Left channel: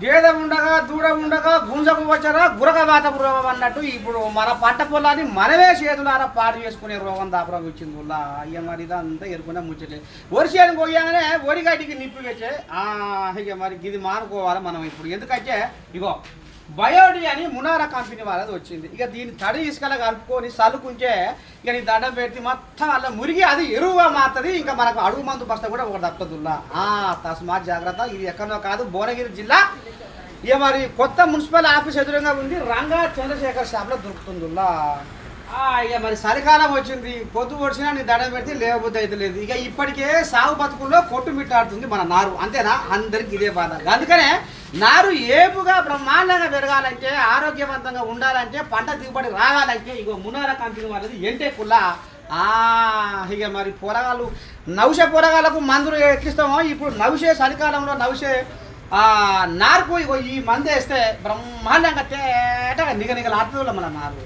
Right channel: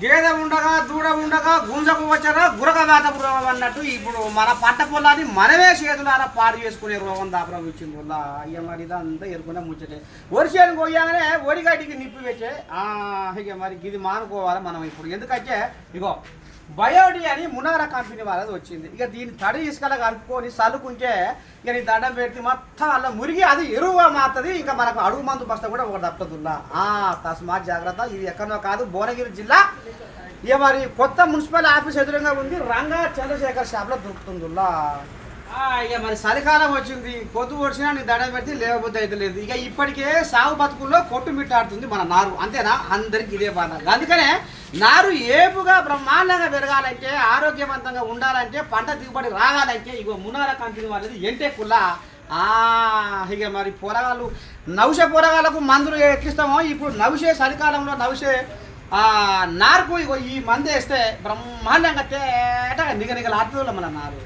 గేదె ఉండగా దూడ ఉండగా గుంజకు వచ్చారా గురక వేత రోగం అన్నట్టు ఇప్పుడు మన పంట పొలాన్ని మనమే చేతులారా పాడు చేసుకునే రోగం దాపరం ఇచ్చింది వల్ల. ఇక మరి ఇదంతా ఎరుకునే ముచ్చటే. వరిసేను పోయాగానే వరిగడ్డికి నిప్పి వచ్చే ఇక మరి ఇది మానుకోవాలి మనం ఇప్పుడు. ఎందుకంటే ఇగో బయోడి అని మునారా కంపెనీ వాళ్ళది వచ్చింది. ఇక దీన్ని తడి ఇసుకలా కలుపుకొని సలుకుంటే ఇక నీ దండం పెట్టి మొత్తం అలా మురిగి అది ఎరువుగా మారుతుంది. ఇంకా మనకు అడుగు మందు బస్తా కూడా ఒకటి దక్కదుల్లా ఆ తస్మాత్ జాగ్రత్త. ఇది ఎక్కడో కాదు భువనగిరి జిల్లా. ఇక మరి కొత్త మున్సిపల్ ఆఫీస్ ఎదురుగా ఉంది. రంగా చంద్రశేఖర్ షాప్లో దొరుకుతుందిల్లా ఇక మరి చలికాలం వచ్చింది. పొద్దు పొడిచినా నీ దండం పెడితే లేవబుద్ధి అయితే లేదు. ఇక ఇప్పటికే సాగు బతుకుల్లో కొట్టుమిట్టాడుతుంది మన నారు. అంతేనా? అందరికి ఇదే బాధ. అందుకనే నారు ఏపుగా బ్రహ్మాండంగా పెరగాలంటే ఆరోగ్యవంతంగా ఉండాలంటే పంట దిగుబడి రాగాలంటే ఇగో మునార కంపెనీ వాళ్ళది ఎంటే కుల్ల? ఆ, ఇక మరి పొరగాలు నవ్సే పొరగాలకు మందులు ఎక్కిస్తామో ఇప్పుడు నవిసే చలికాలంలో నవిసే ఆ నారుకు ఇగో ఈ మందు వేస్తే బ్రహ్మాండంగా తేటగా నిగ నిగలు మన నారు.